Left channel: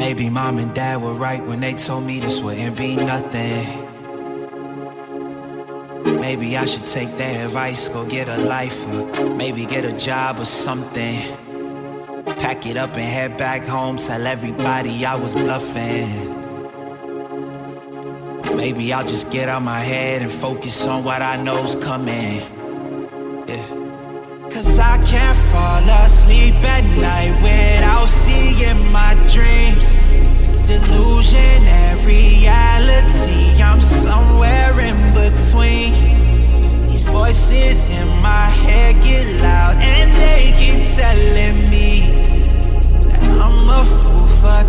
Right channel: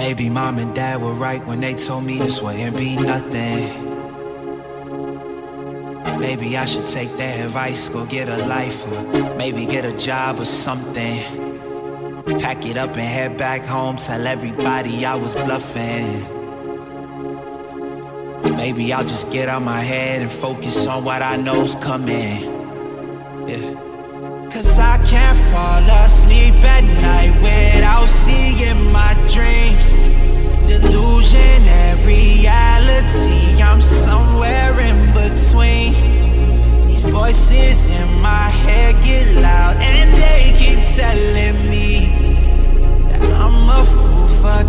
Maybe mom and dad were right when they told me this wouldn't be nothing. Maybe I should take their advice, go get a life, or maybe get a job or something. Pack it up and head back home, tell everybody I was bluffing. Or maybe I'll just get out my head and focus on what I know's coming. Yeah. Cause I can't fall asleep at night without seeing my dreams. Delusion and reality, I'm somewhere in between. These voices in my head get loud and they keep telling me that I'm a fool for